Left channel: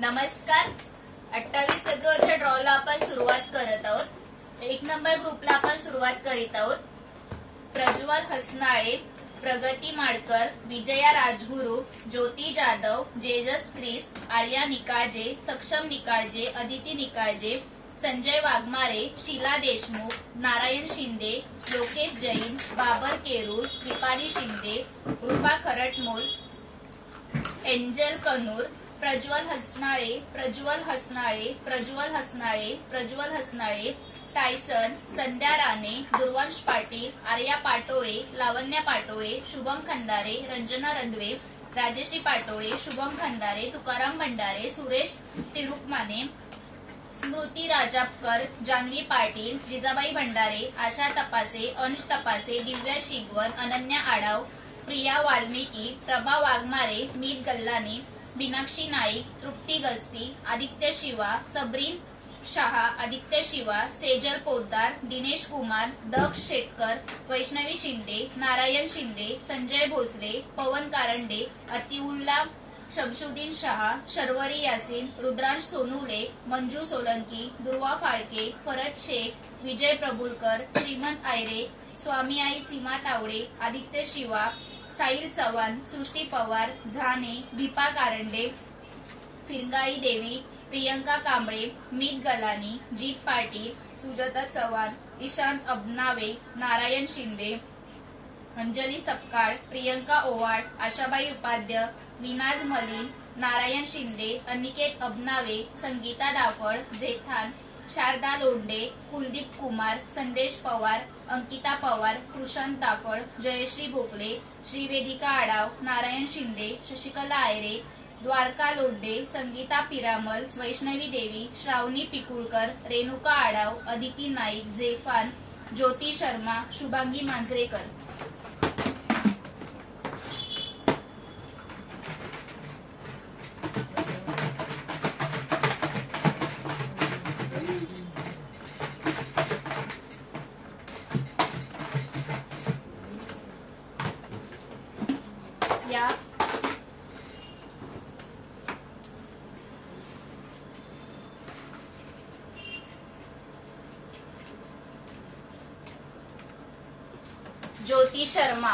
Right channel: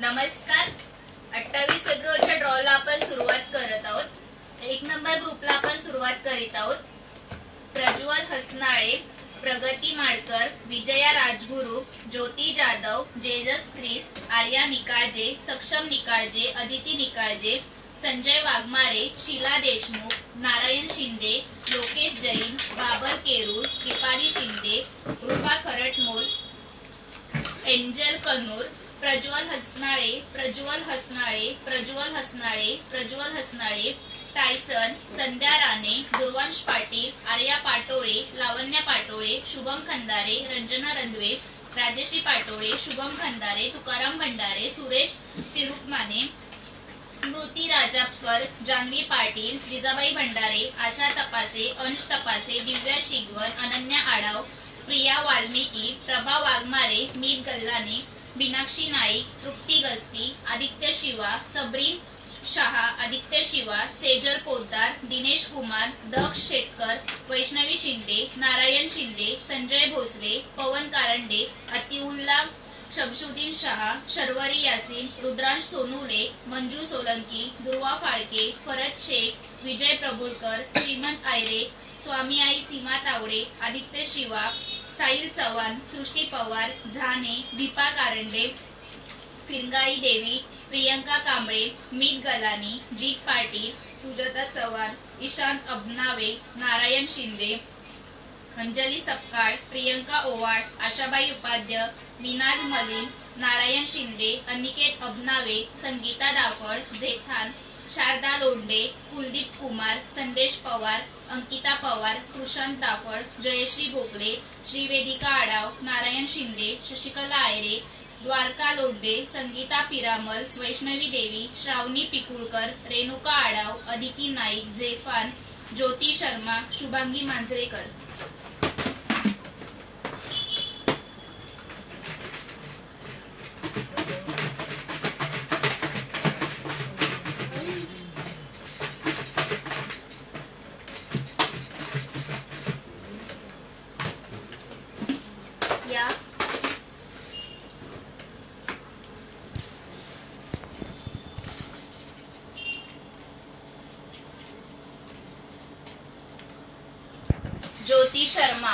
नमस्कार. 28 फेब्रुवारीच्या ड्रॉला आपण सुरुवात करत आहोत. 1 नंबर ग्रुपला आपण सुरुवात करीत आहोत. प्रज्वल हसनाळे, प्रगती माडकर, विजया राजगुरू, ज्योती जाधव, जेजस क्रिस, आर्या निकाळजे, सक्षम निकाळजे, अदिती निकाळजे, संजय वाघमारे, शीला देशमुख, नारायण शिंदे, लोकेश जैन, बाबर केरूर, दीपाली शिंदे, रूपा खरटमोल, एंजल कनूर, प्रज्वल हसनाळे, प्रज्वल हसनाळे, प्रज्वल हसनाळे, प्रज्वल हसनाळे, टायसन, संध्या राणे, दुर्वांश पाटील, आर्या पाटोळे, लावण्या पाटोळे, शुभम खंदारे, रंजना रंधवे, राजश्री पाटोळे, शुभम खंदारे, तुकाराम भंडारे, सुरेश तिरुकमाने, स्मृती राजापकर, जान्हवी पाटील, जिजाबाई भंडारे, आशा तपासे, अंश तपासे, दिव्या शिगवन, अनन्या आडाव, प्रिया वाल्मिकी, प्रभा वाघमारे, मीत गल्लाने, मीनाक्षी नाईक, तृप्ती गस्ती, आदित्य शिवा, सबरीन शहा, आदित्य शिवा, सेजल पोद्दार, दिनेश कुमार, दक्ष शेटकर, वैष्णवी शिंदे, नारायण शिंदे, संजय भोसले, पवन कारंडे, अतिउल्ला शमशुद्दीन शहा, शर्वरी यासिन, रुद्रांश सोनुले, मंजू सोलंकी, दुर्वा फाळके, फरद शेख, विजय प्रभुलकर, श्रीमंत आयरे, स्वामी आई सीमा तावडे, आदित्य शिवा, साहिल चव्हाण, सृष्टी पवार, झाने, दीपा कारंडे, फिरंगाई देवी, प्रियंका कांबळे, मीत गलानी, जीत पाटील, सुजाता चव्हाण, ईशांत अबनावे, नारायण शिंदे, अंजली सपकाळ, प्रियंका ओवाड, आशाबाई उपाध्य, मिनाज मलिन, नारायण शिंदे, अनिकेत अबनावे, संगीता दाफळ, जेठान, शारदा लोंढे, कुलदीप कुमार, संदेश पवार, अंकिता पवार, कृषांत दाफळ, जयश्री भोकले, श्रीवेदिका आडाव, नारायण शिंदे, शशिकला आयरे, द्वारका लोंढे, संगीता पिरामल, वैष्णवी देवी, श्रावणी पिकुळकर, रेणुका आडाव, अदिती नाईक, जेफान, ज्योती शर्मा, शुभांगी मांजरेकर. या ज्योती शर्मा,